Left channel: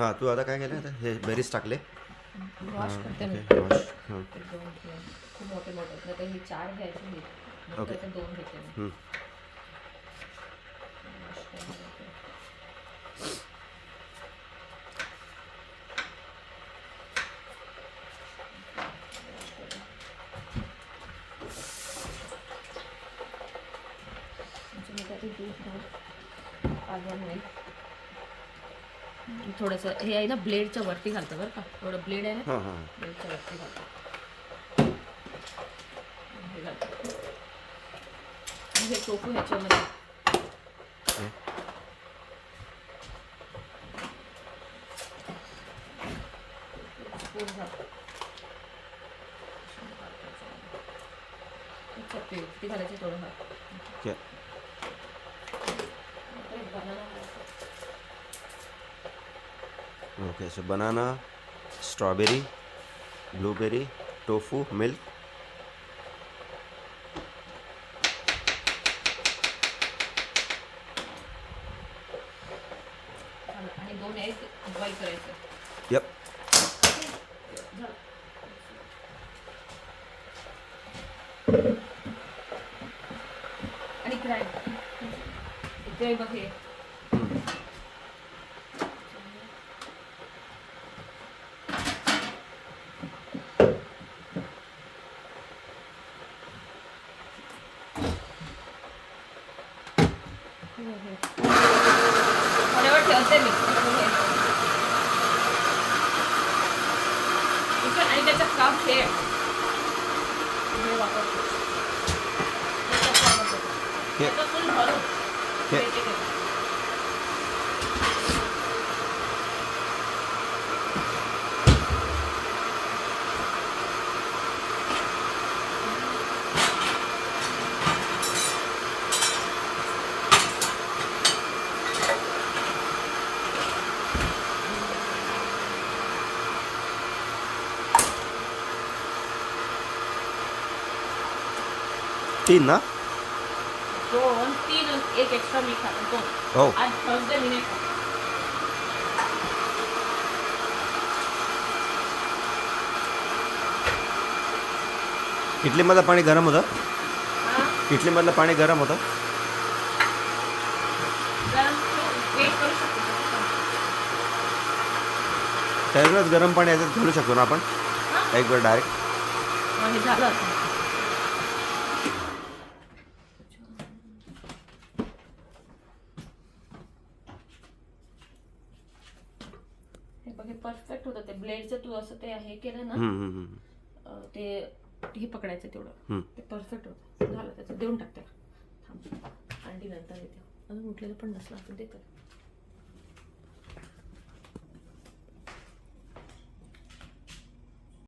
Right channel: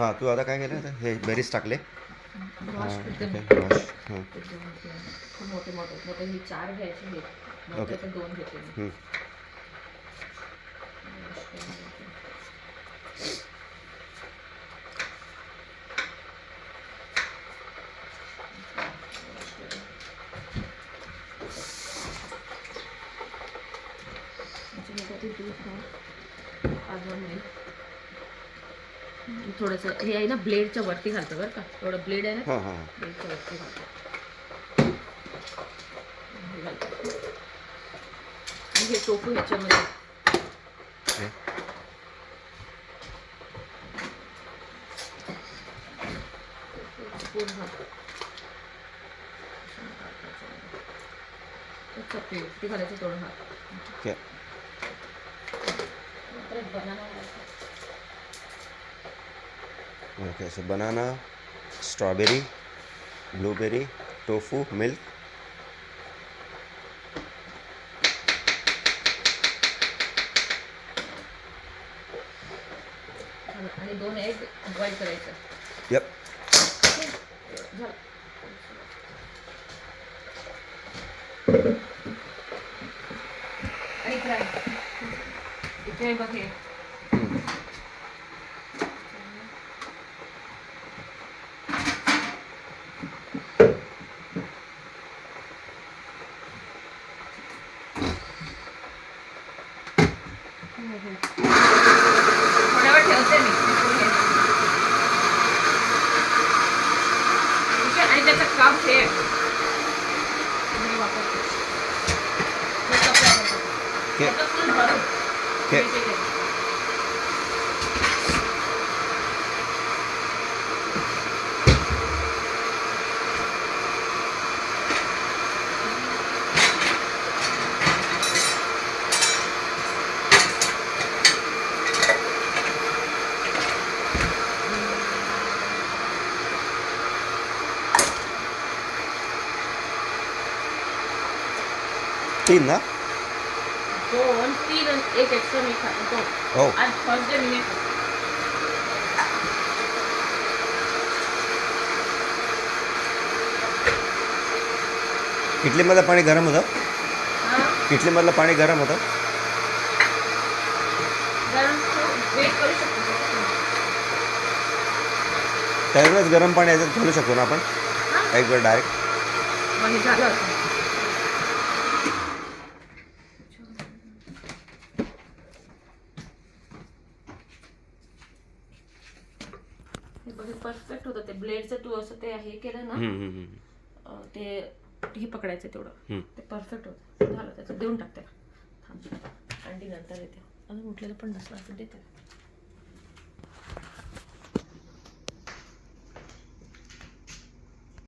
हां तू आता काय केलं आता हे बेरीज टाकले वॉश करते मी. वॉश हां ते दोन खूप मोठे मोठे आहेत. नाहीतर मी 4 घ्यायचे हे मोठे ओके. तर 2 घेते मी. हं. वॉश करून घेते. वॉश करून. म्हणजे मी त्यात दूध घाल अजून नाही. थोडंसं हे आहे ना ब्लेडच्या वरती घालतं बरं का. एवढं ब्लेड आहे ना हां हां ब्लेडच्या वरती घालतं. हे घालते. आणि हे टोफू ह्याच्यामध्ये ओके. पूर्ण घालतो. चपटी ती घालायची थोडं घाल. ओके. परत बनाना घालायचं. Okay so banana strawberry blueberry tofu milk आणि 2 एग बॉईल करायचं. यप. झालं. आणि फ्राय इथे बघ हे थोड्या वेळ ठेवते मी हे. ठीक आहे. आणि त्याचं काम हे वापरते. ओके. ओके. तीन ना 2, 3 आणि 1 एक्स्ट्रा मी खातो. हो आज फर्स्ट डे मी नाही खात. इडलीमधलं पाणी गरम होतं हां इडलीमधलं पाणी गरम होतं गरम वेट करू शकतो. त्यावेळेस गरम पाणी याच्यात घालू शकतो ना आपण हां एक वेळ डायरेक्ट मग हे झालं असं. हे बघ हे परफेक्ट होतं. ते ब्लेडचं तू असं ते हे केलं ना ते हे पकडायचं तेवढं ते परफेक्ट होतं. झालं त्याचं देऊन टाक त्याला. थांब थंडी नंतर येते. अजून उठलेलं पण नसलं तर देते.